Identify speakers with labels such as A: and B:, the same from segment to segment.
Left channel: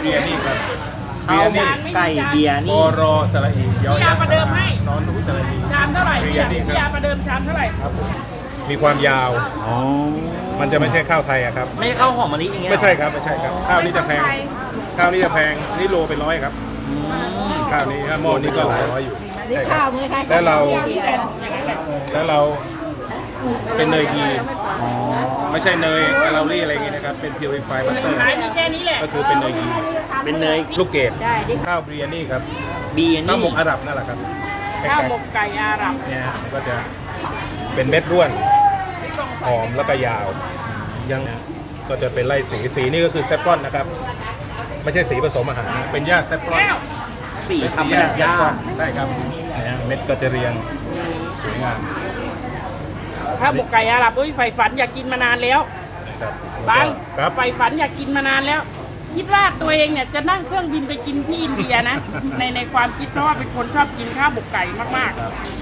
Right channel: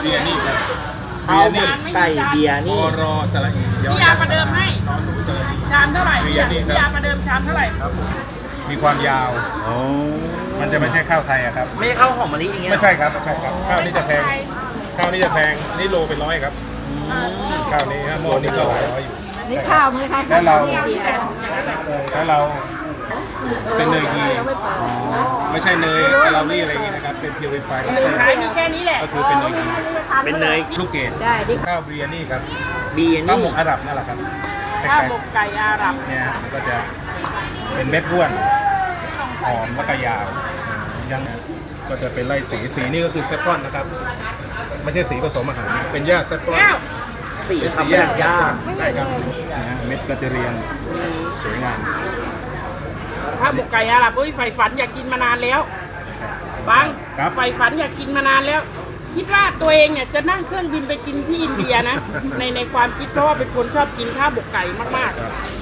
A: เบียร์นี่ครับ
B: เอาไก่เบียร์
A: โอ
B: นี่
A: รอสระอี
C: พี่ยาประเดิมให้
A: นอนรู้สระอี
C: ชามเท่าไหร่
A: เบี
C: พี่
A: ยร์นี่
C: ยา
A: ครับ
C: ประเดิมชามเท่าไหร่
A: ครับผมมีความยาว
B: อ๋อ
A: มันจะไม่ใช่ข้าวไทยอะครับ
B: ไม่ใช่ข้าวหอมมะลิอย่างเงี้ย
A: ไม่ใช่ครับไม่ใช่ครับข้าวนี้จะแพงข้าวนี้จะแพงนี่โลเป็น100ครับข้าวนี้ถ้าหม้อนี้ก็หลายร้อยอยู่
D: นี่ข้าวมือค่ะ
A: แต่เรา
D: เดียวนะ
A: ถ้าเราเป็นเนยคีไม่ใช่เนยเรานี่อะไรอย่างงี้นะครับเป็นพิวริฟาย
C: ขายมีแค่นี้แหละ
A: ก็คือเป็นเนยคี
B: เป็นเนย
A: ลูกเกด
D: ได้ดิ
A: ข้าวเบียร์นี่ครับ
B: เบียร์
A: ข้าว
B: นี่
A: หมกอาหรับนั่นแหละครับ
C: ข้าวหมกไก่อาหรับ
A: เนี่ยฮะมันก็จะเป็นเม็ดร่วนหอมแล้วก็ยาวยังก็จะเป็นไล่สีนี่ก็คือเซฟรอนนะครับ ไม่ใช่สีผสมอาหารเป็นหญ้าเซฟรอน
C: แก้ว
B: สี
A: เป็นสี
B: คำ
A: ห
B: ห
A: ญ้า
B: ยา
A: เซฟรอ
B: ย่าน
A: ใช่ครับนะฮะเม็ดก็จะเรียงสวยงาม
C: ข้าวหมกไก่อาหรับอุ้ยใฝ่ฝันอยากกินมานานแล้ว
A: ครับ
C: บัง
A: ครับ
C: ใฝ่ฝันอยากกินมานานแล้วคิดว่าตัวเองเนี่ยจะนั่งเครื่องบินไปกินที่อินเดียนะ ในความคิดเพราะว่าเป็นคนชอบกินข้าวหมกไก่มากๆ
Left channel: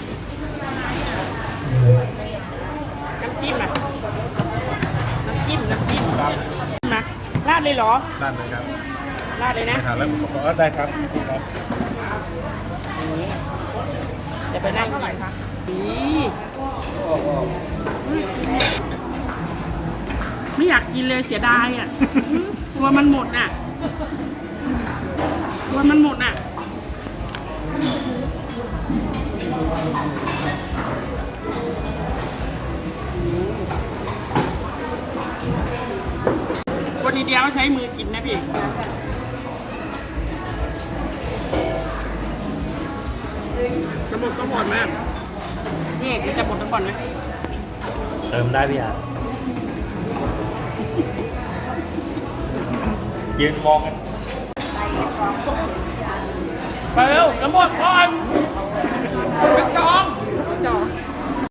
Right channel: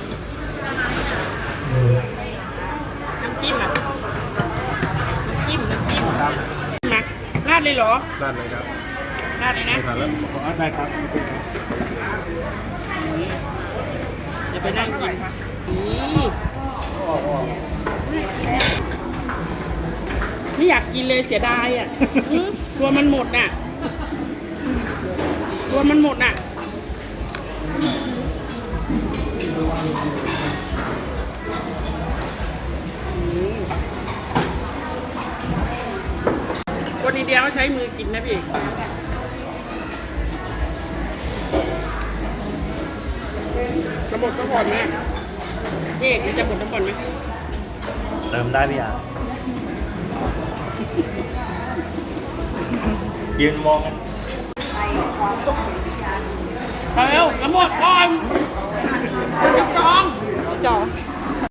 C: น้ำจิ้มอ่ะน้ำจิ้มนะราดเลยเหรอ
A: ด้านนี้ครับ
C: ราดเลยนะ
A: ทานแล้วอ๋อได้ครับครับ
C: เดี๋ยวไปนั่งกินครับนี่ไม่อยากกินเลยเสียดายอ่ะกลัวมันหมดน่ะกลัวมันหมดน่ะคนอินเดียเขาใช้มือกินนะพี่จะหมดทุกคนนะพี่เอกจะหมดทุกคนไหม
B: เติมได้พี่ยายืนมองกัน
C: ไปเร็วจะหมดก่อน